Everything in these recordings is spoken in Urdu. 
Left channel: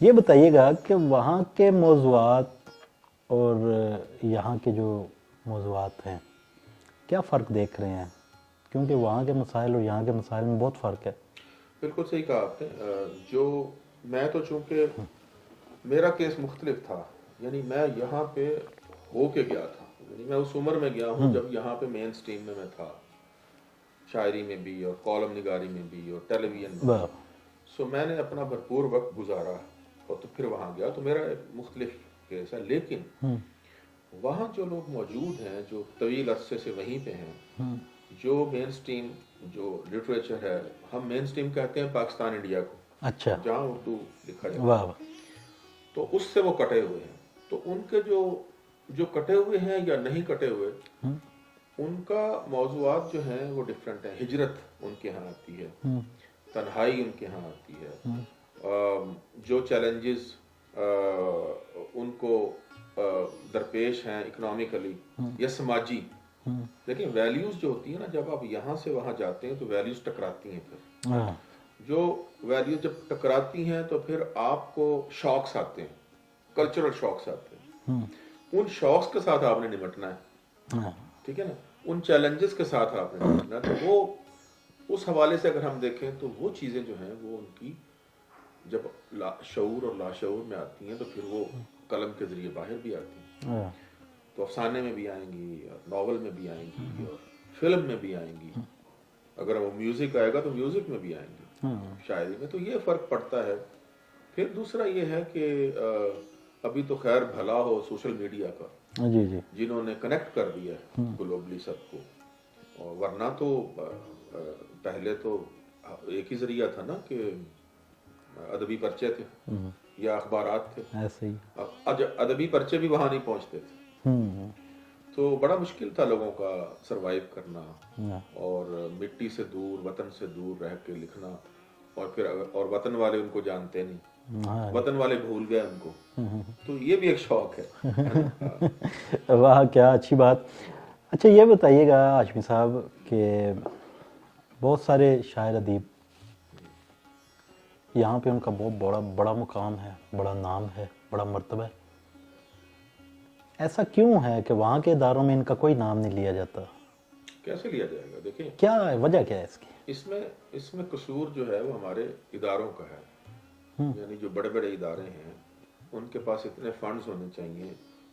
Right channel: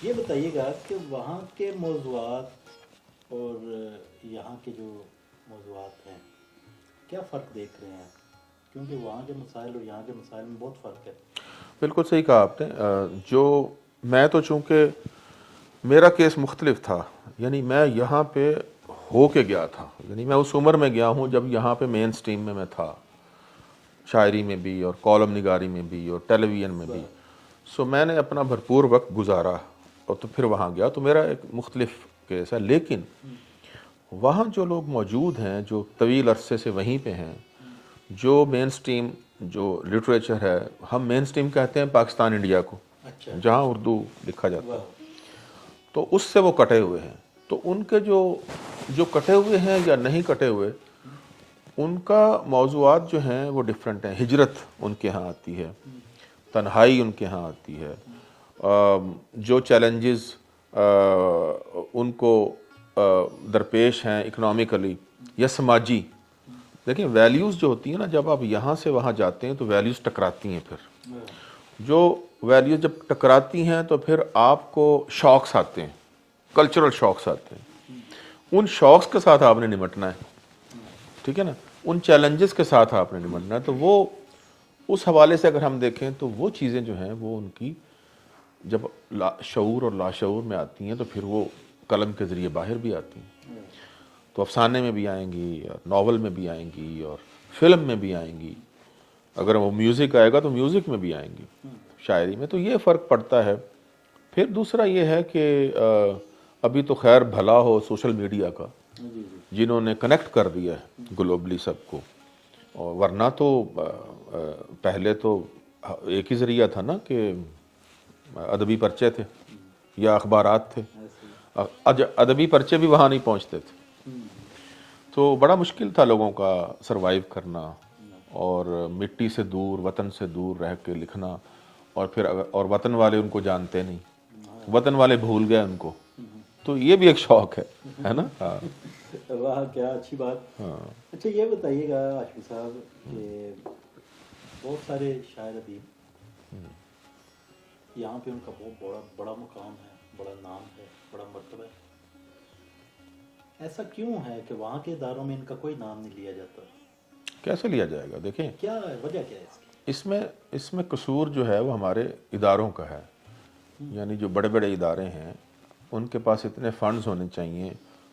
یہ بتائیے گا کہ وہاں کے موضوعات اور یہاں کے جو موضوعات ہیں کیا فرق دیکھ رہے ہیں؟ کیونکہ وہاں کے مسائل اور یہاں کے مسائل میں بہت فرق ہے. بالکل صحیح کہا آپ نے. جو میں تو چونکہ میرا کیس مختلف تھا، یعنی میں یہاں پہ ہو کے گیا تھا، یعنی میں اس عمر میں گیا ہوں جب یہاں پہ مین سٹریم میں تھا، شاعری میں بھی اور کالم نگاری میں بھی اور ٹیلی ویژن میں بھی. سو میں نے اپنا بھرپور وقت گزارا اور تو پھر وہاں گیا تو میرا ایک مختلف کیس ہے. لیکن وہاں جو لوگ موجود ہیں جو طویل عرصے سے وہیں پہ ہیں، جو مین سٹریم جو لٹریچر ہے، ہم مین سٹریم کہتے ہیں پاکستان انڈیا کو، اچھا، جہاں اردو لکھا جاتا واہ ہے، تو اس سے وہ کٹے ہوئے ہیں. تو ان کے جو کٹے ہوئے ہیں یا نہیں کٹے ہوئے، ان کا موضوعات جو ہیں وہ ڈیفرنٹ ہیں. ہجرت ان کے ہاں آتی ہے، تنہائی ان کے ہاں آتی ہے، جو چیلنجز ان کو درپیش ہیں اکنامکلی یا سماجی. دیکھیں ویلیوز جو ہوتی ہیں نا، جب آپ یہاں سے وہاں جاتے ہیں تو ویلیوز ٹکراتی ہیں. پھر جو ویلیوز جب ٹکراتی ہیں تو پھر آپ کو شاکس آتے ہیں، کلچرل شاکس آتے ہیں. ان شاکس کے ساتھ آپ نے نمٹنا ہے، ٹھیک ہے نا، ان چیلنجز کے ساتھ آپ نے نمٹنا ہے. تو وہ اس حوالے سے اگر ہم دیکھیں تو وہ چیزیں جو ہیں وہ ان کی جب شعور اور لاشعور میں آتی ہیں تو پھر وہ قلم کے ذریعے باہر بھی آتی ہیں. تو افسانے میں بھی آئیں گی اور ناول میں بھی آئیں گی اور فلم میں بھی آئیں گی. اگر وہ میوزک آئے گا تو میوزک میں بھی آئیں گی، شاعری میں. تو یہ فرق پڑتا ہے. پھر دوسرا یہ ہے کہ ابھی تو خیر بھلا ہو سوشل میڈیا کا، جی جی، جنہوں نے کنیکٹ کر دیا ہے گلوبلی سب کو. اور ورنہ تو پہلے تو ایک ہی ذریعہ تھا نا کہ ادبی پرچے تھے یا اخبارات تھے. ایسے ہی. ادبی پرچے بھی وہاں نہیں پہنچتے تھے، تو بڑا مشکل تھا لوگوں کا سروائیو کرنا اور مٹی سے دور، وطن سے دور رہ کے لکھنا. اور پھر اور وطن والے ان کو جانتے نہیں، وطن والے بھول گئے ان کو. تو یہ بھی ایک شوق ہے نا. واہ کیا اچھی بات. اچھا یہ بتائیے گا ہاشمی صاحب کہ بہت سارے شاعر ادیب یہاں پہ ان کا بہت بڑا مقام ہے، بڑا نام ہے، بڑا مرتبہ ہے. ایسا کیوں ہے کہ وہاں کے اداروں میں ان کا کوئی نام نہیں لیا جاتا؟ کیسے لیا جائے گا؟ دیکھیں کیا وجہ کیا ہے اس کی؟ اس میں قصور جو ہے وہ ہمارے اداروں کا ہے. یعنی جو بڑے بڑے ادارے ہیں ان کے پاس اتنے فنڈز ہونے چاہیے،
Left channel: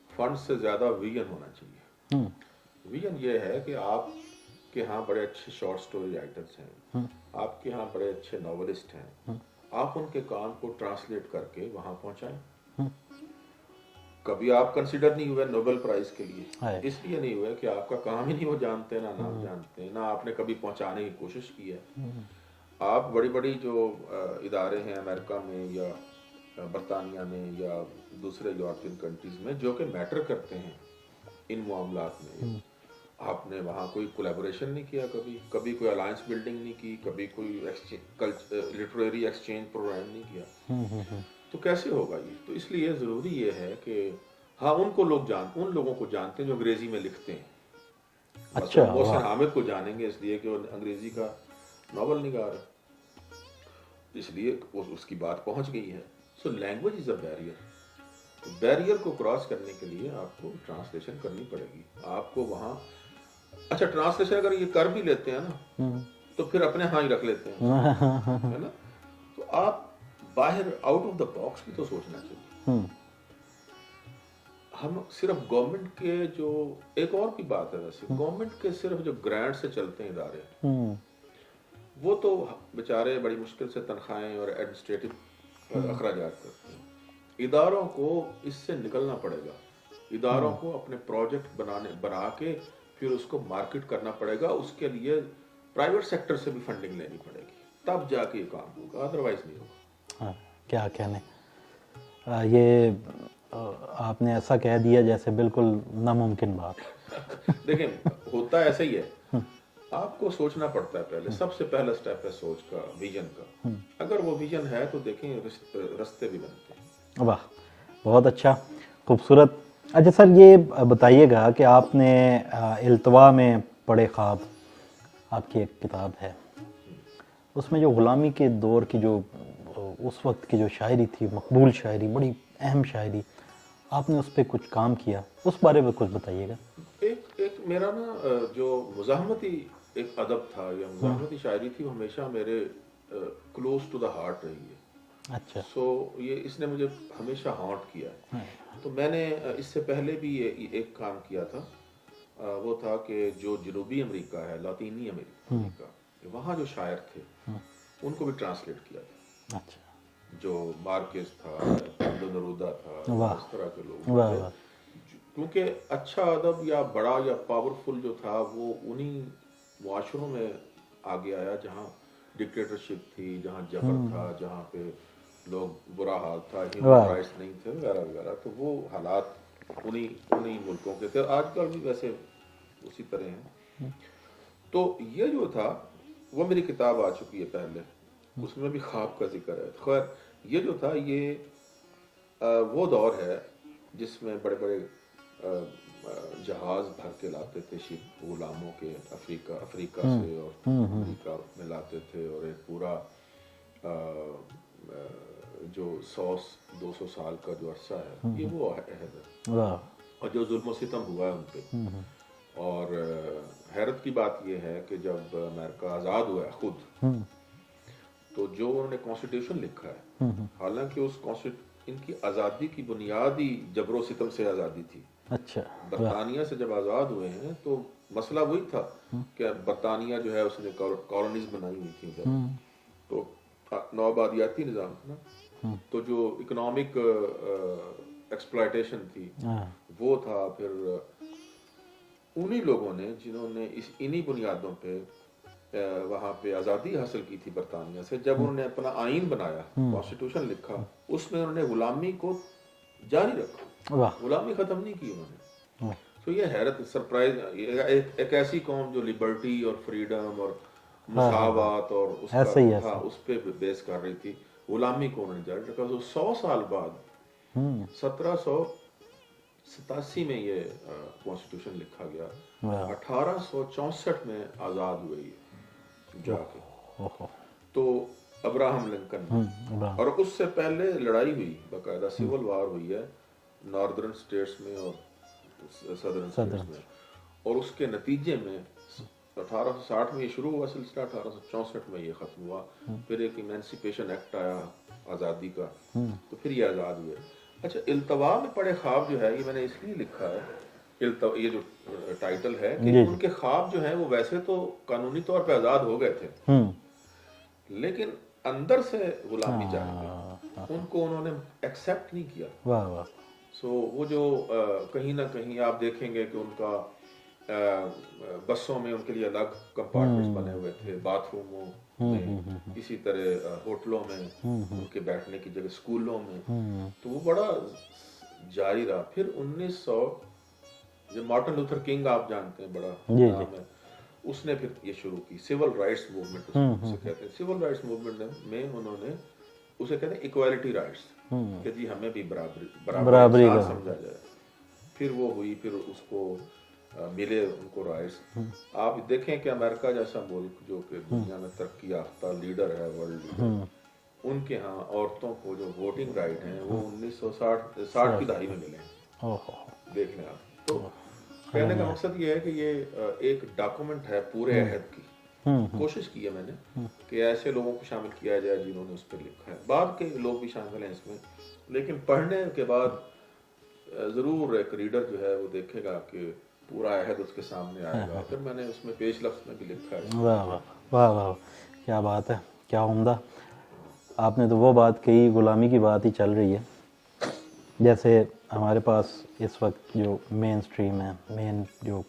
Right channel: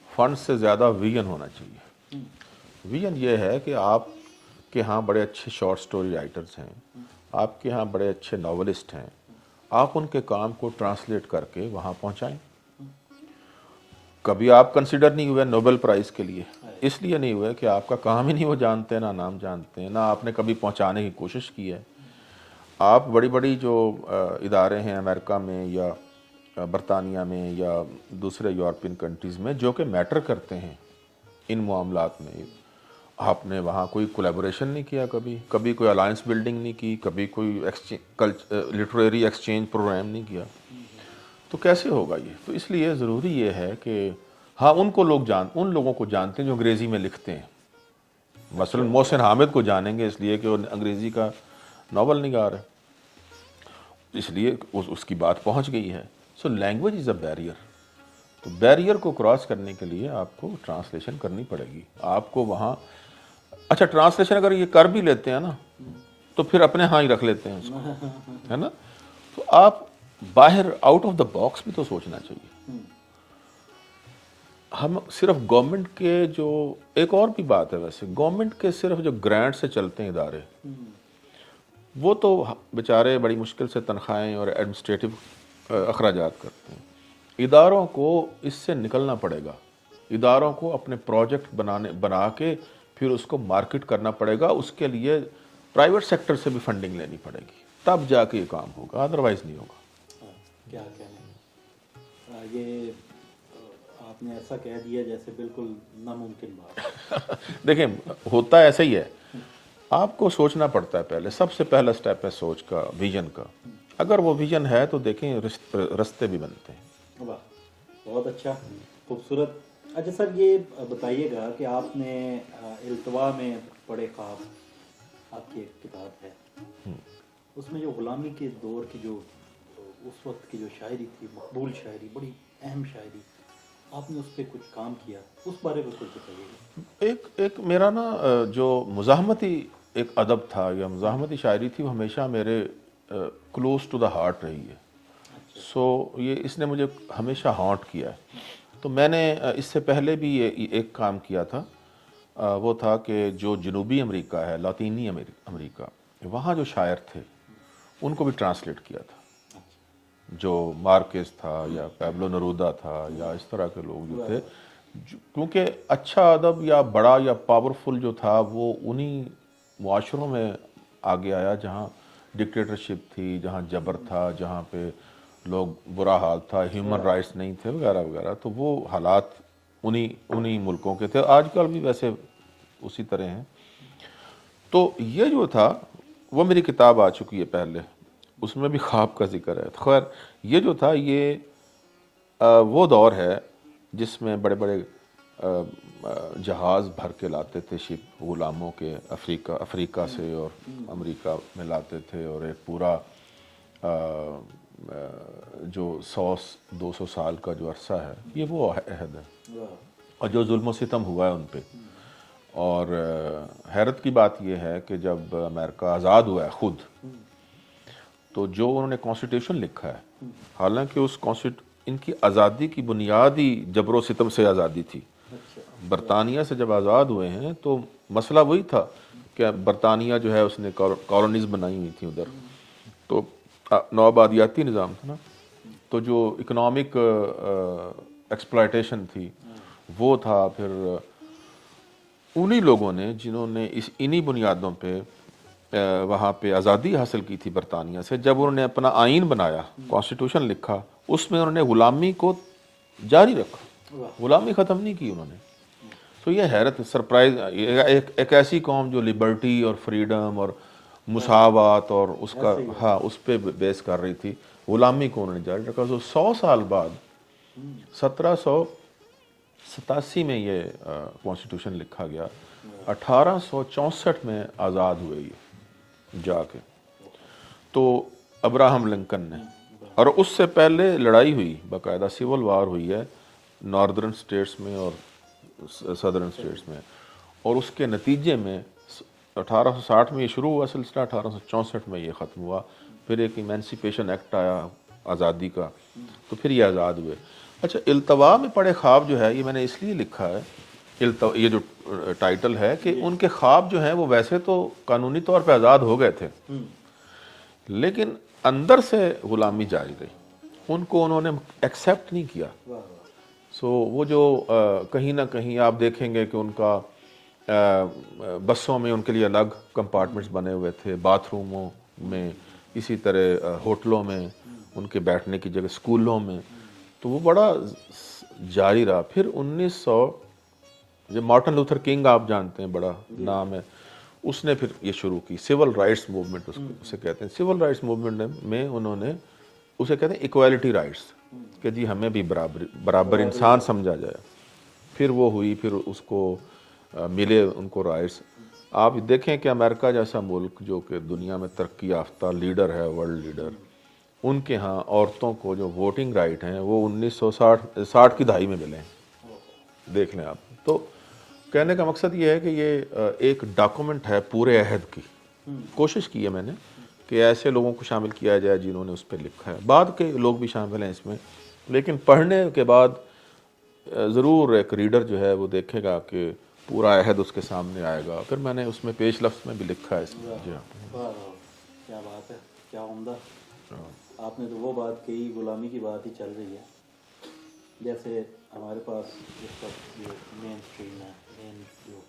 فنڈز سے زیادہ ویژن ہونا چاہیے. ویژن یہ ہے کہ آپ کے ہاں بڑے اچھے شارٹ سٹوری رائٹرز ہیں، آپ کے ہاں بڑے اچھے ناولسٹ ہیں، آپ ان کے کام کو ٹرانسلیٹ کر کے وہاں پہنچائیں. کبھی آپ کنسیڈر نہیں ہوئے نوبل پرائز کے لیے، اس لیے نہیں ہوئے کہ آپ کا کام ہی نہیں وہ جانتے، نہ نام جانتے ہیں، نہ آپ نے کبھی پہنچانے کی کوشش کی ہے. آپ بڑی بڑی جو ادارے ہیں امریکہ میں یا برطانیہ میں یا دوسرے یورپین کنٹریز میں جو کہ میٹر کرتے ہیں ان معاملات میں، آپ نے وہاں کوئی کولیبوریشن نہیں کیا، کبھی کوئی الائنس بلڈنگ نہیں کی، کبھی کوئی لٹریری ایکسچینج پروگرام نہیں کیا. تو کیسے ہوگا یہ؟ تو اس لیے ضروری یہ ہے کہ ہاں ان لوگوں کو جانتے ہیں جو انگریزی میں لکھتے ہیں. مثلا محسن حامد کو جانیں گے اس لیے کہ وہ انگریزی کا ناول نگار ہے، اس لیے اس کی بات پہنچ گئی ہے. So language is a barrier. تو بیریئر کو کراس کرنے کے لیے آپ کو ٹرانسلیشن کرنی پڑے گی. آپ کو وہاں اچھا ٹرانسلیشن اگر یہ کر بھی لیتے ہیں نا تو پھر اپنے ہاں ہی رکھ لیتے ہیں، ہے نا. تو آپ باہر آؤٹ آف دا باکس بھی تو سوچنا چاہیے. ہم صرف گورنمنٹ کے جو ایک اور بھی بات ہے، ویسے گورنمنٹ کے صرف جو گرانٹ سے چلتے ہیں ادارے، وہ تو بیچارے بڑی مشکل سے تنخواہیں اور ایڈمنسٹریٹو اخراجات کرتے ہیں. اداروں کو اس سے نکلنا پڑے گا. اداروں کو اپنے پروجیکٹ بنا کے پھر اس کو مارکیٹ کرنا پڑے گا. اس کے لیے پرائیویٹ سیکٹر سے بھی فنڈنگ لینی پڑے گی، تب جا کے یہ کام ہوگا، ادروائز نہیں ہوگا. کیا کہنے، یہ آپ نے ایسا کہہ دیا جیسے بالکل ناممکن بات. دیکھیں ہوتا ایسا ہی ہے، آپ کو سوچنا پڑتا ہے. پہلے سب سے پہلا سٹیپ ہے سوچ کا، ویژن کا. اگر وہ ویژن ہے تو دیکھیں رستے بھی بنتے ہیں. واہ بہت اچھا، خوبصورت. اچھا سر یہ بتائیے گا کہ آپ نے التوا میں پڑھے خواب، آپ کی ایک کتاب ہے، اس میں جو غلامی کے دور کی جو اس وقت کی جو شاعری تھی، مقبول شاعری، بڑی اہم شاعری، آپ نے اس پہ کچھ کام کیا، اس بارے میں کچھ بتائیے گا۔ ایک میرا نا جو مزاحمتی ایک ادب تھا یا مزاحمتی شاعری تھی، وہ ہمیشہ میرے کلوز ٹو دا ہارٹ رہی ہے۔ اچھا، سو یہ اس نے مجھے ہمیشہ ہانٹ کیا ہے۔ تو میں نے اس سے پہلے بھی یہ ایک کام کیا تھا، وہ تھا کہ جو جنوبی امریکہ ہے، لاطینی امریکہ، وہاں جو شاعر تھے ان کو بھی ٹرانسلیٹ کیا تھا، اچھا، جو مارکیز تھا یا پیبلو نرودا تھا یا اس طرح کے لوگ جو تھے، کیونکہ اچھا ادب یا بڑا یا پاورفل جو تھا وہ انہی معاشروں میں آگے آیا جہاں ڈکٹیٹرشپ تھی، جہاں جبر تھا، جہاں پہ لوگ برا حال تھا، ہیومن رائٹس نہیں تھے وغیرہ وغیرہ۔ تو وہ حالات انہی ملکوں کے تھے، آج کل بھی ویسے اسی طرح ہیں۔ تو یہ جو تھا وہ میری کتاب آ چکی ہے پہلے، اس میں بھی خواب کا ذکر ہے۔ خیر یہ جو تھا یہ وہ دور ہے جس میں بڑے بڑے جہاز بھر کے لاتے تھے شپ غلاموں کے، افریقہ سے اور امریکہ میں لاتے تھے، اور ایک پورا جو 100-200 سال کا جو عرصہ ہے یہ وہ عہد ہے، اور جو ظلم و ستم ہوا ہے ان پہ۔ اور حیرت کی بات یہ ہے کہ جب امریکہ آزاد ہوا ہے خود، تو جو انہوں نے کانسٹیٹیوشن لکھا ہے، حالانکہ ان کی آزادی کی بنیاد ہی جبر و ستم سے آزادی تھی۔ اچھا، برطانیہ سے جب آزاد ہوئے ہیں تو مسئلہ وہی تھا کہ برطانیہ جو ہے اس نے کالونیز بنائی ہوئی تھی ادھر، تو نوآبادیاتی نظام تھا نا، تو جو اکنامک ایکسپلائٹیشن تھی وہ تھا۔ پھر انہی لوگوں نے جنہوں نے انہی بنیادوں پہ وہاں پہ آزادی حاصل کی تھی برطانیہ سے، جب انہوں نے اپنا آئین بنایا، کانسٹیٹیوشن لکھا، اس میں انہوں نے غلامی کو جاری رکھا، غلامی ختم نہیں کی انہوں نے۔ تو یہ حیرت، سرپرائز، ایک ایسی قوم جو لبرٹی اور فریڈم اور مساوات اور اس کا ہاں اس پہ بیس کر رہی تھی، غلامی کو انہوں نے جاری رکھا۔ تو 100 سال بعد 1787 میں یہ کانسٹیٹیوشن لکھا گیا، 1864 میں آزاد ہوئے یہ جا کے۔ تو ابراہم لنکن نے، اور اس سے پہلے لڑائی ہوئی، باقاعدہ سول وار ہوئی ہے ناردرن سٹیٹس میں اور سدرن سٹیٹس میں، اور اس کے نتیجے میں 1860 میں یہ شروع ہوا سلسلہ، 1864 میں یہ ختم ہوا۔ پھر ایک ایمینسیپیشن ایکٹ آیا آزادی کا، تو پھر یہ آزاد ہوئے۔ اچھا، التوا میں پڑے خواب جو ہے یہ میں نے اس لیے لکھا ہے، یہ جو ٹائٹل ہے، کہ ان کے خواب جو ہیں وہ ویسے تو قانونی طور پہ آزاد ہو گئے تھے، لیکن اندر سے غلامی جاری رہی، ان کو انہوں نے ایکسیپٹ نہیں کیا۔ سو وہ جو کہیں نہ کہیں آپ دیکھیں گے کہ ان کا بسوں میں ان کے لیے الگ کمپارٹمنٹس بنے ہوئے تھے، باتھ روموں میں، اسی طرح ہوٹلوں میں ان کے بیٹھنے کی جگہ، اسکولوں میں، تو وہ بڑا جاری رہا۔ پھر 1900 جو مارٹن لوتھر کنگ آپ جانتے ہیں، بڑا نام ہے، اس نے پھر یہ شروع کی سول رائٹس موومنٹ، اسے کہتے ہیں۔ سول رائٹس موومنٹ میں انہوں نے اسے کہتے ہیں ایکویلٹی رائٹس، کہ جی ہمیں بھی برابر انسان سمجھا جائے۔ پھر وہ ہوئی، پھر اس کو ملے ان کو رائٹس۔ آپ دیکھیں کہ امریکہ جیسا ملک جو کہ دنیا میں ترقی یافتہ لیڈر ہے، ورلڈ لیڈر، ان کے ہاں عورتوں کو جو ووٹنگ رائٹ ہیں وہ 1960 کی دہائی میں ملے ہیں، دیکھ لیں آپ۔ تو کہنے کا مقصد یہ ہے کہ یہ ایک ڈاکومنٹ ہے پورے عہد کی۔ کوشش کی ہے میں نے کہ ایسے لوگوں کو شامل کیا جائے جنہوں نے اس پہ لکھا ہے، بعد کے لوگ بھی شامل ہیں اس میں، لیکن پڑھنے کے بعد ضرور ایک ریڈر جو ہے وہ دیکھے گا کہ پورا عہد اس کے سامنے آئے گا۔ پھر میں نے اس میں پیش لفظ میں بھی لکھا ہے۔ واہ واہ واہ، کیا بات ہے، کیا عمدہ۔ آپ نے تو وہ بات کہی، غلامی کی بات ہی چل رہی ہے۔ جیسے ہمارے پاس اس وقت جو مین سٹریم ہے، مین جو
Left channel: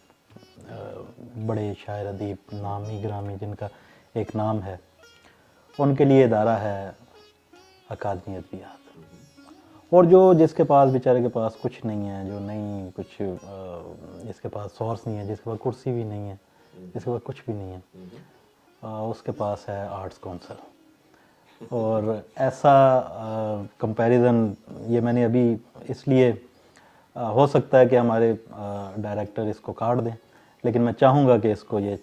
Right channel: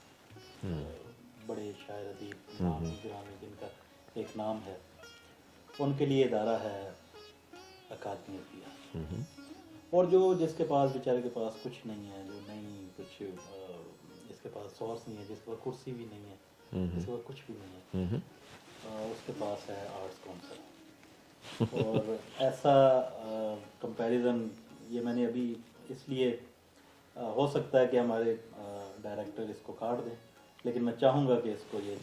بڑے شاعر ادیب نامی گرامی جن کا ایک نام ہے، ان کے لیے ادارہ ہے اکادمی ادبیات، اور جو جس کے پاس بیچارے کے پاس کچھ نہیں ہے، جو نہیں کچھ، جس کے پاس سورس نہیں ہے، جس کے پاس کرسی بھی نہیں ہے، جس کے پاس کچھ بھی نہیں ہے، اس کے پاس ہے آرٹس کونسل۔ اور ایسا کمپیریزن یہ میں نے ابھی اس لیے، ہو سکتا ہے کہ ہمارے ڈائریکٹر اس کو کاٹ دیں، لیکن میں چاہوں گا کہ اس کو یہ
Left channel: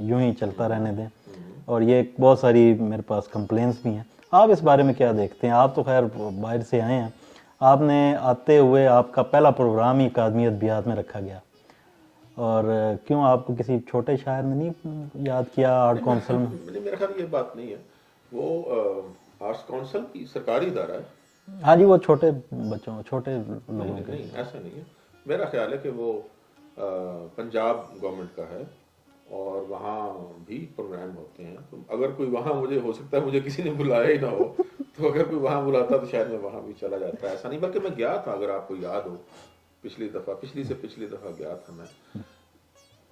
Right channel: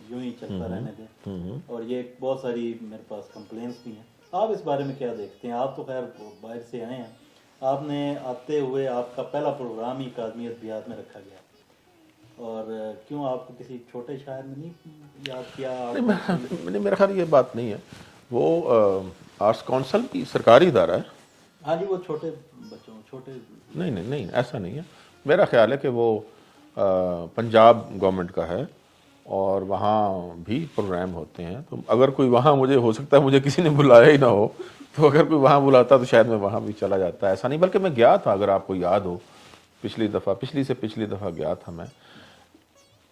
یوں ہی چلتا رہنے دیں۔ اور یہ بہت ساری میرے پاس کمپلینس بھی ہیں آپ اس بارے میں کیا دیکھتے ہیں؟ آپ تو خیر باہر سے آئے ہیں، آپ نے آتے ہوئے آپ کا پہلا پروگرام ہی اکادمی ادبیات میں رکھا گیا، اور کیوں آپ کو کسی چھوٹے شاعر نے نہیں یاد کیا آرٹ کونسل میں؟ میرا خیال یہ بات نہیں ہے، وہ آرٹس کونسل کی سرکاری ادارہ ہے. ہاں جی، وہ چھوٹے بچوں، چھوٹے نہیں نہیں نہیں، ایسا نہیں ہے. میرا خیال ہے کہ وہ پنجاب گورنمنٹ کا ہے اور وہاں بھی پروگرام ہوتے ہیں. تو اگر کوئی وہاں، مجھے ہو سکتا ہے مجھے کسی نے بلایا ہی نہ ہو، تو اگر کوئی وہاں بلاتا تو شاید میں وہاں بھی چلا جاتا. ایسا نہیں، بلکہ میں گیا تھا، اگر آپ کو یاد ہو پچھلی سے پچھلی دفعہ گیا تھا میں.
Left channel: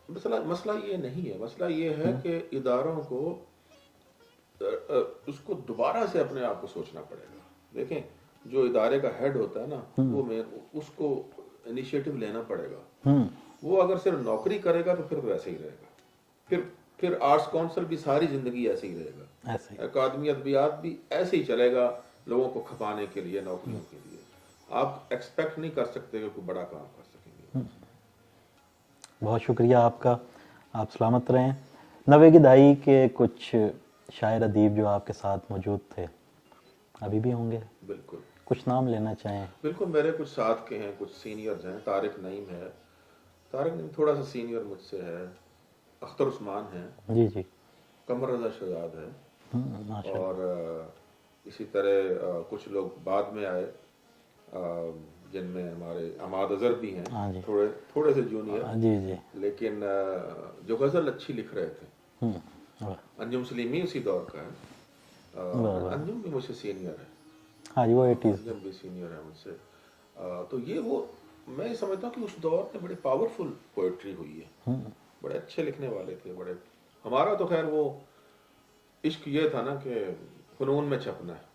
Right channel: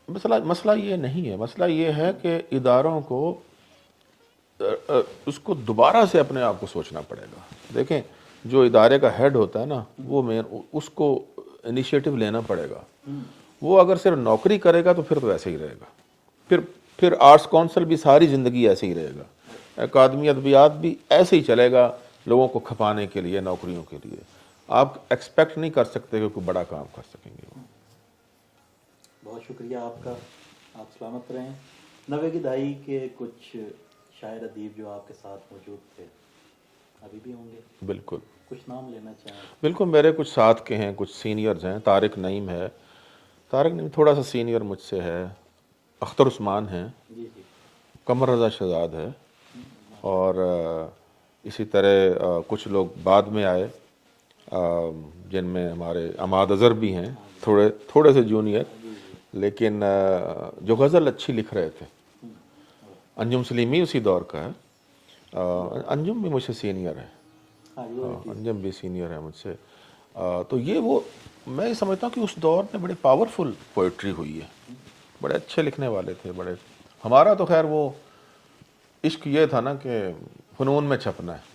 مسئلہ یہ نہیں ہے، مسئلہ یہ ہے کہ اداروں کو اس کو دوبارہ سے اپنے آپ کو سوچنا پڑے گا. دیکھیں، جو ادارے کا ہیڈ ہوتا ہے نا، وہ اس کو انیشیٹو لینا پڑے گا. وہ اگر صرف نوکری کرے گا تو پھر تو ایسے ہی رہے گا. پھر آرٹس کونسل بھی ساری زندگی ایسے ہی رہے گا. اکادمی ادبیات بھی ایسے ہی چلے گا، لوگوں کو کھپانے کے لیے، نوکریوں کے لیے. آپ ایکسپیکٹ نہیں کر سکتے کہ کوئی بڑا کام کر سکیں گے. بہت شکریہ آپ کا، آپ سلامت رہیں. 90 کی دہائی کے کچھ شاعر ادیب جو آپ کے ساتھ موجود تھے ابھی بھی ہوں گے؟ بالکل. کچھ نام لینا چاہیں؟ بالکل، میرے کچھ ساتھ کے ہیں، کچھ سینئرز ہیں. طارق نعیم ہے، طارق نعیم تھوڑا سا سینئر مجھ سے ہے. اختر عثمان ہیں. جی جی. قمر رضا شہزاد ہے. اور اسی طرح کچھ لوگ بعد میں آئے، جن میں ہمارے عماد اظہر بھی ہیں، تھوڑے سے جونیئر، جی جی. لیکن جو غزل اچھی لکھ رہے تھے. انجم سلیمی اسی دور کا ہے. انجم بھی مجھ سے سینئر ہے. ہاں جی، وہ انجم بھی سینئر ہے مجھ سے. تو یہ وہ میں سمجھتا ہوں کہ اس دور میں بڑے پاورفل پوئٹری ہوئی ہے. بڑے اچھے لکھنے والے تھے. بڑے. ہمارا تو خیر وہ عشق یہ تھا نا کہ فنون میں چھپنا ہے.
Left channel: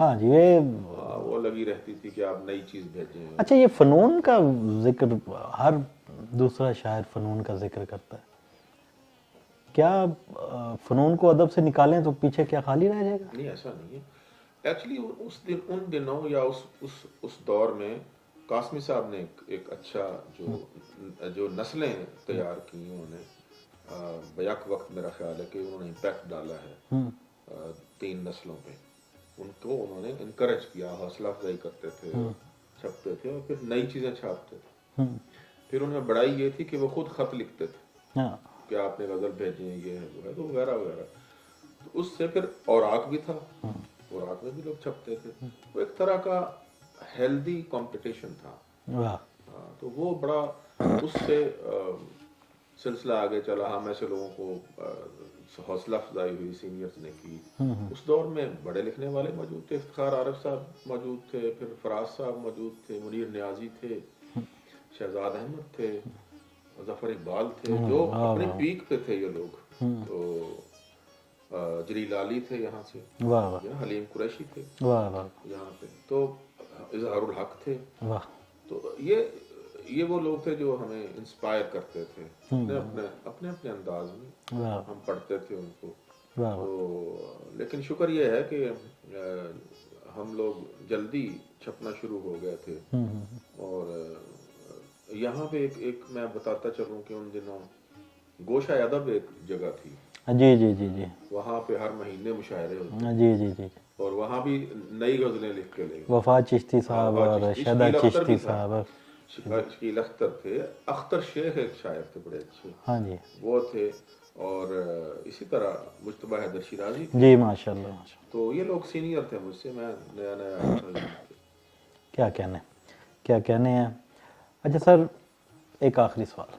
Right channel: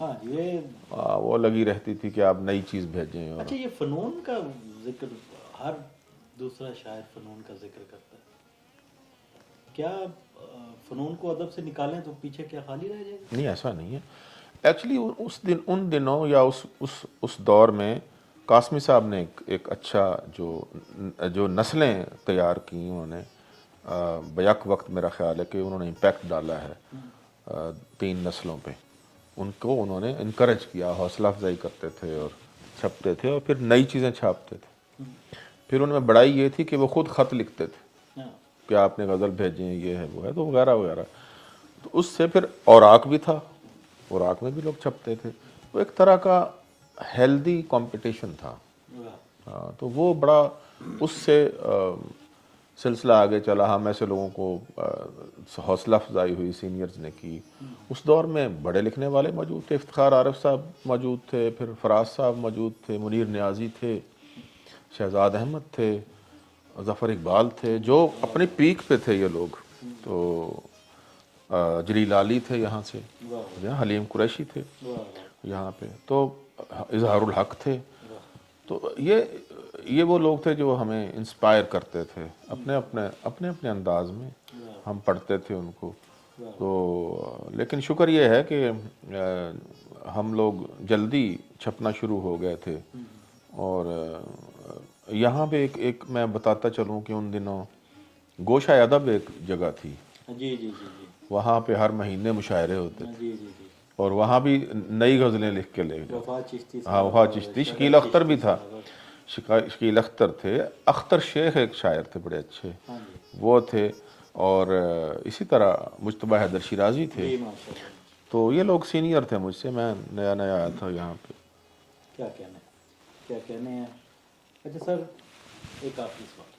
ہاں جی، وہ لگی رہتی تھی کہ آپ نئی چیز بھیجیں. اچھا، یہ فنون کا ذکر ہر دوسرا شاعر فنون کا ذکر کرتا ہے. کیا فنون کو ادب سے نکالیں تو پیچھے کیا خالی رہ جائے گا؟ نہیں، ایسا نہیں ہے. ایکچولی ان دنوں یا اس دور میں قاسمی صاحب نے ایک اچھا جو نسلیں تیار کی انہوں نے بیک وقت. میرا خیال ہے کہ انہوں نے امپیکٹ ڈالا ہے 3 نسلوں پہ. ان کو انہوں نے انکریج کیا، حوصلہ افزائی کرتے تھے اور چھپتے تھے اور پھر نئی چیزیں چھاپتے تھے. پھر ان میں بڑائی یہ تھی کہ وہ خود خط لکھتے تھے کہ آپ نے غزل بھیجیں، یہ ہے وہ ہے، تو وغیرہ وغیرہ. تو اس سے پھر اوراق بھی تھا، اوراق میں بھی لوگ چھپتے تھے. تو ایک طرح کا ہیلدی کمپٹیشن تھا. تو وہ بڑا اس سے سلسلہ آگے چلا. ہم ایسے لوگوں کو حوصلہ افزائی ہوئی، سینئرز نے کی. اس دور میں بڑے لکھنے والے موجود تھے. افتخار عارف صاحب موجود تھے، پھر فراز صاحب موجود تھے، منیر نیازی تھے، شہزاد احمد تھے، ظفر اقبال تھے، جو اپنے پیک پہ تھے یہ لوگ. تو جلیل علی تھے یہاں سے، حلیم قریشی تھے یہاں پہ، تو اظہار الحق تھے. تو یہ وہ لوگ تھے جو ہمیں انسپائر کرتے تھے اپنے انداز میں. ہم پڑھتے تھے ان کو. تو لیکن شکر یہ ہے کہ ہم لوگ جلدی چھپنا شروع ہو گئے تھے. اور یہاں پہ ایک میں بتاتا چلوں کہ ان دنوں گوشہ ادب ایک جگہ تھی. جی جی جی جی. وہاں پہ ہر مہینے مشاعرے ہوتے. جی جی جی. اور وہاں بھی نئی غزلیں لکھ کے لے گئے. وفات چشتی صاحب، وفات چشتی، شکیل اختر بھی تھا. شکیل اختر تھے. اختر شیخ ایک شاعر تھے بڑے اچھے، وہ تھے. اور اسی طرح مجتبیٰ حیدر شیرازی تھے. جی ماشاءاللہ. تو یہ لوگ سینئر تھے مجھ سے. میں نیا آیا تھا یہاں پہ. کیا کہنے ہیں. اچھا سر، ایک آخری سوال.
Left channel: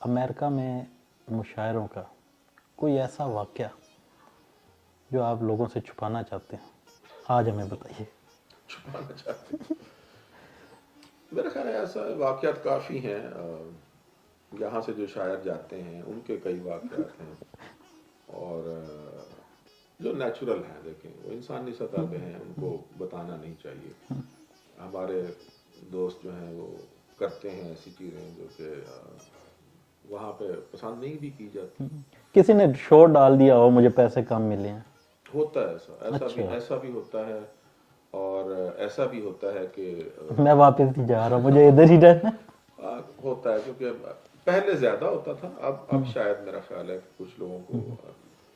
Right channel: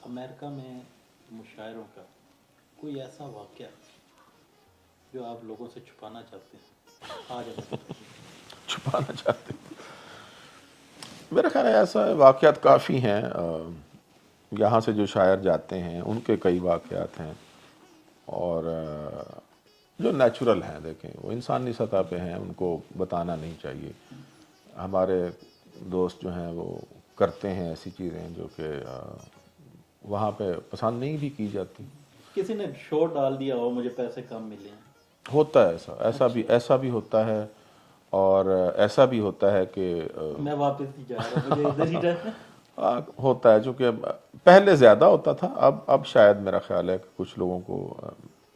امریکہ میں مشاعروں کا کوئی ایسا واقعہ جو آپ لوگوں سے چھپانا چاہتے ہیں، آج ہمیں بتائیے. چھپانا چاہتے ہیں؟ میرا خیال ہے ایسا واقعات کافی ہیں. یہاں سے جو شاعر جاتے ہیں ان کے کئی واقعات ہیں، اور جو نیچرل ہیں. دیکھیں، وہ انسانی سطح پہ ہیں، ان کو بتانا نہیں چاہیے. ہمارے دوست جو ہیں وہ کرتے ہیں ایسی چیزیں جو کہ وہاں پہ پسند نہیں بھی کی جاتی. کسی نے شو ڈال دیا ہو مجھے پیسے کم ملے ہیں. ہوتا ہے ایسا بھی ہوتا ہے. اور ایسا بھی ہوتا ہے کہ میں واپس نہیں جا رہا ہوں، مجھے ادھر ہی رہنا. ہوتا ہے، چونکہ پہلے زیادہ ہوتا تھا. اب شاید میرا خیال ہے کہ کچھ لوگوں کو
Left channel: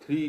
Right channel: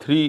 3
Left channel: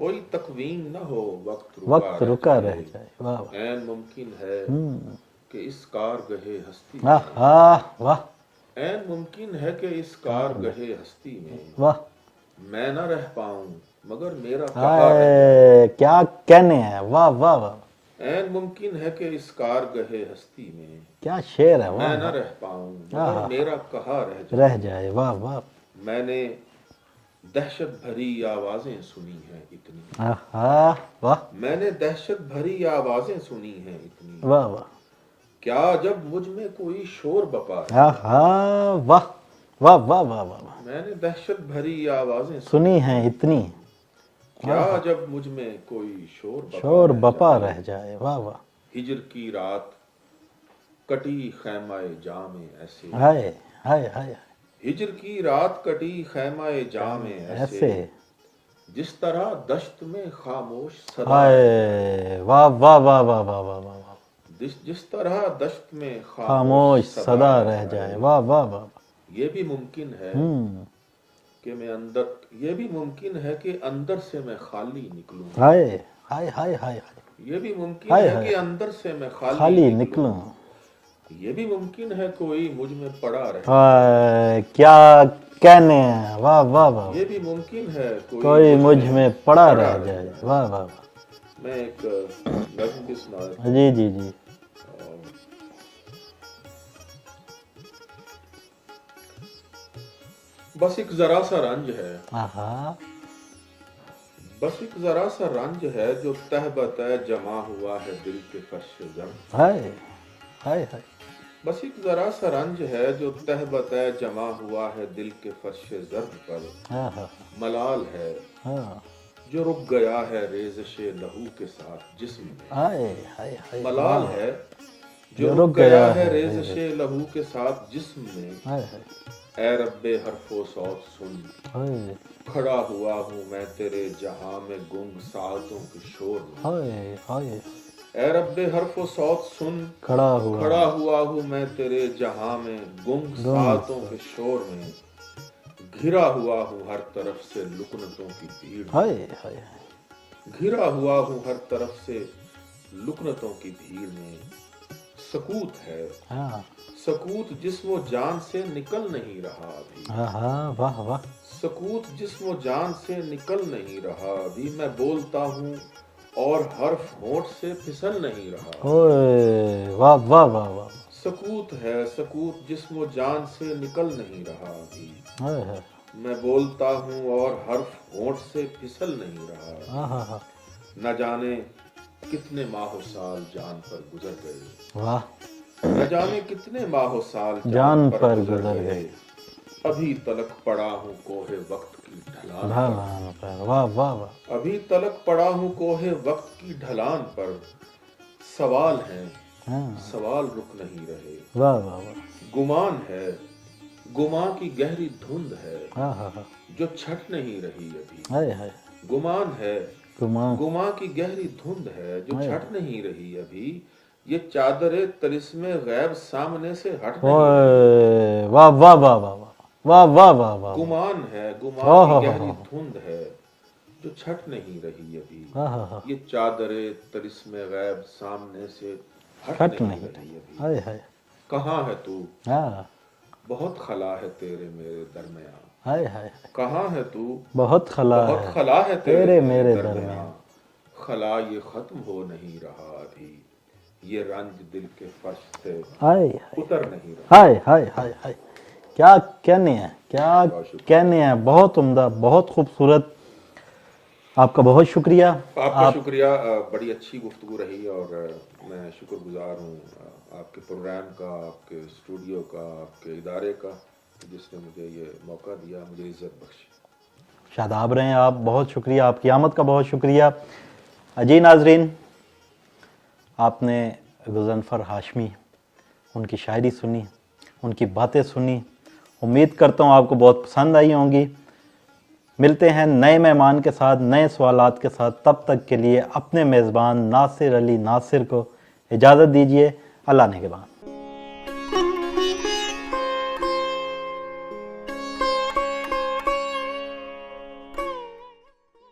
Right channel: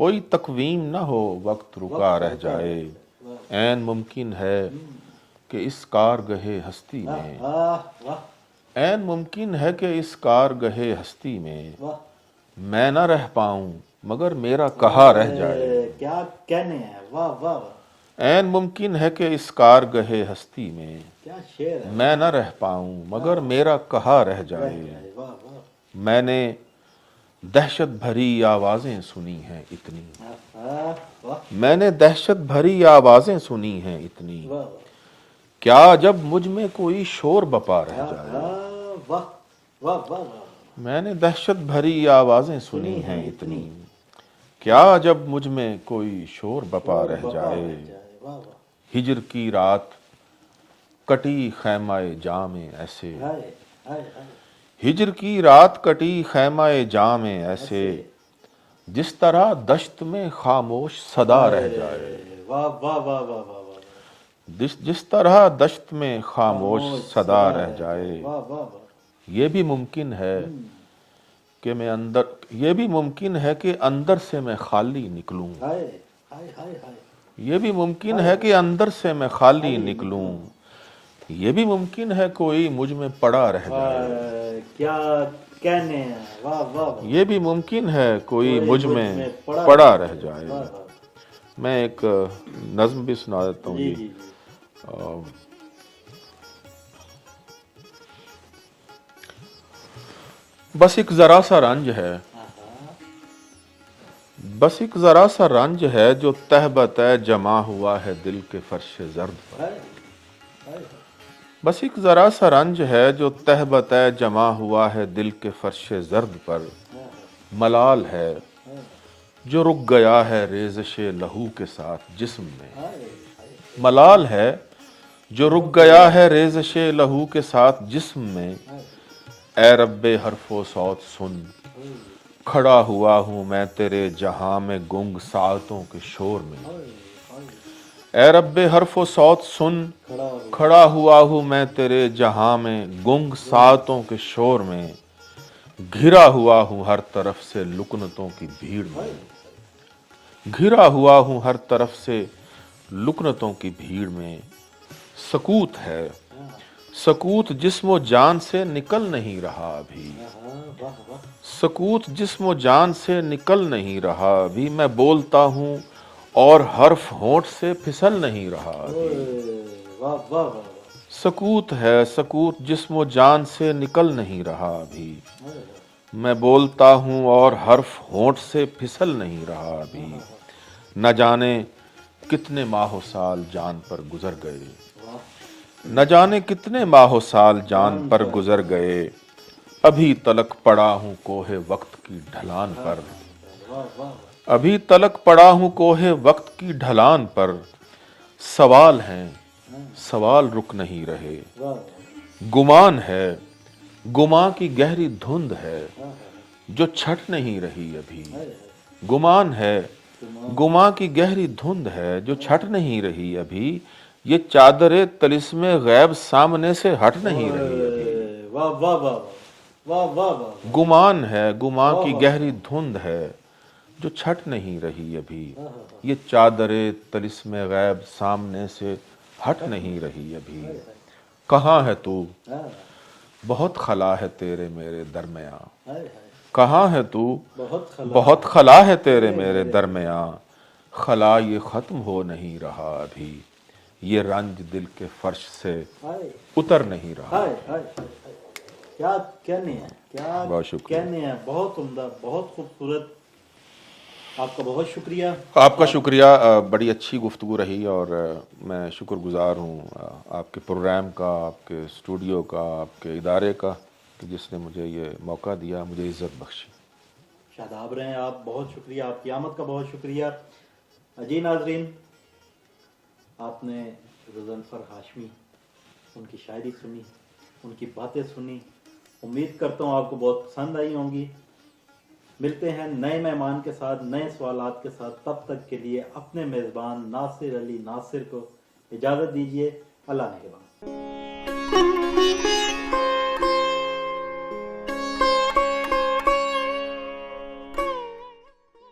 کوئی تقویم نہ ہو وقت رکا وقت رہ رکا رہ جائے، جائے، واہ عین ممکن ہے کہ اس کارگہ ہستی واہ میں، واہ واہ عین ممکن ہے کہ اس کارگہ ہستی میں واہ، میں نہ رہ پاؤں مگر میرا کہا رہ جائے، کیا کہنے ہیں، واہ واہ واہ، عین ممکن ہے کہ اس کارگہ ہستی میں کیا شعر ہے، میں نہ رہ پاؤں مگر میرا کہا رہ رہ جائے، جائے، واہ واہ، میں نے دہشت بھری آوازیں سنی ہیں اتنی، آہا، واہ میں نے دہشت بھری آوازیں سنی ہیں اتنی، واہ واہ، کیا جب مجھ میں کوئی شور بپا رہ جائے، آہا، واہ واہ واہ واہ واہ، میں نے دہشت بھری آوازیں سنی ہیں اتنی، کیا جب مجھ میں کوئی شور بپا شور رہ بپا جائے، رہ جائے، واہ واہ، ہجر کی رات کٹی خیمہ جام ایسے، ہائے ہائے ہائے، ہجر کی رات کٹی خیمہ جام ایسے، جس طرح دشت میں خاموش صدا رہ جائے، ہائے، واہ واہ واہ واہ واہ واہ واہ، جس طرح دشت میں خاموش صدا رہ رہ جائے، جائے، واہ واہ واہ، یہ بھی ممکن ہے کہ میں اندر، یہ بھی ممکن ہے کہ اندر سے میں خالی نکلوں، ہائے ہائے ہائے ہائے، یہ بھی ممکن ہے کہ اندر سے میں خالی نکلوں، یہ بھی ممکن ہے کوئی مجھ میں پڑا رہ جائے، ہائے، کیا کہنے ہیں، واہ واہ واہ، یہ بھی ممکن ہے کوئی کوئی مجھ میں پڑا رہ جائے، جائے۔ واہ واہ، میں ایک نظم بھی سنا دیتا ہوں۔ جی جی جی، بس ایک ذرا سا رنج ہے، آہا، بس ایک ذرا سا رنج ہے جو تہ بتہ جمع ہوا ہے دل کے فرش زرد، ہائے ہائے ہائے، بس ایک ذرا سا رنج ہے جو تہ بتہ جمع ہوا ہے دل کے فرش زرد پر، آہا، ملال ہے ہاں، جو رک گیا ہے ریزش لہو کے ساتھ جسم میں، ہائے ہائے ہائے، ملال ہے جو رک گیا ہے ریزش لہو کے ساتھ جسم میں، ہائے اے رب حرف و صوت سن، ہائے کھڑا ہوا ہوں میں تیرے جہاں میں گنگ ساعتوں کے شور میں، ہائے ہائے، اے رب حرف و صوت سن، کھڑا ہوا ہوں میں تیرے جہاں میں گنگ ساعتوں کے شور میں، گھرا ہوا ہوں ہر طرف سے لکنتوں کی بھیڑ میں، ہائے ہائے، گھرا ہوا ہوں ہر طرف سے لکنتوں کی بھیڑ میں، سکوت ہے، ہاں، سکوت جسم و جان سے نکل نہیں رہا ابھی، آہا، واہ واہ، سکوت جسم و جان سے نکل نہیں رہا ابھی، میں بولتا ہوں اور حرف ہونٹ سے پھسل نہیں رہا، اوئے، واہ واہ واہ واہ، سکوت ہے، سکوت جسم و جان سے نکل نہیں رہا ابھی، ہائے ہائے، میں بولتا ہوں اور حرف ہونٹ سے پھسل نہیں رہا ابھی، آہا، نہ جانے کتنے ماہ و سال جان پر گزر گئے، واہ، نہ جانے کتنے ماہ و سال جان پر گزر گئے، ابھی تلک پڑا ہوں کوہ وقت کی ڈھلان پر، واہ واہ واہ، ابھی تلک پڑا ہوں کوہ وقت کی ڈھلان پر، سوال ہیں ہاں، سوال رک نہیں رہے، واہ واہ واہ، گمان ہے گمان کی گہری دھند ہے آہا، جو چھٹ نہیں رہی ابھی، ہائے ہائے، گمان ہے گمان، گمان کی گہری دھند ہے جو چھٹ نہیں رہی ابھی، یہ چادر طلسم غیب سامنے سے ہٹ نہیں رہی، اوئے، واہ واہ واہ واہ، واہ واہ واہ واہ، گمان ہے گمان کی گہری دھند ہے جو چھٹ نہیں رہی ابھی، آہا، یہ چادر طلسم غیب سامنے سے ہٹ نہیں رہی ابھی، ہائے ہائے، کہاں ہے تو، ہاں، بہت خلا ہے تیرے میرے درمیاں، ہائے ہائے، کہاں ہے تو، بہت خلا بہت ہے، خلا ہے تیرے میرے درمیاں، خلا یہ ختم ہو نہیں رہا ابھی، یہ رنج دل کے فرش سے ہائے اتر نہیں رہا، ہائے ہائے ہائے ہائے، کیا کہنے ہیں، کیا بہت شکریہ، کہنے ہیں، بہت عمدہ، بہت خوبصورت، آپ کا بہت شکریہ، آپ کا شکریہ، بڑی اچھی گفتگو رہی اور میں شکر گزار ہوں آپ کے پروگرام کا، آپ کے اسٹوڈیو کا، آپ کے ادارے کا، کہ جس نے مجھے یہ موقع دیا، مجھے عزت بخشی۔ شاداب رہیں آپ، بہت شکریہ، آپ کی آمد کا بہت شکریہ۔ جی ناظرین، آپ نے غضنفر ہاشمی، ان کی شاعری سنی، ان کی باتیں سنی، امید کرتا ہوں آپ کو بہت پسند آئی ہوں گی۔ ملتے ہیں نئے مہمان کے ساتھ، نئے سوالات کے ساتھ، تب تک کے لیے اپنے میزبان ناصر علی ناصر کو اجازت دیجیے، اللہ نگہبان۔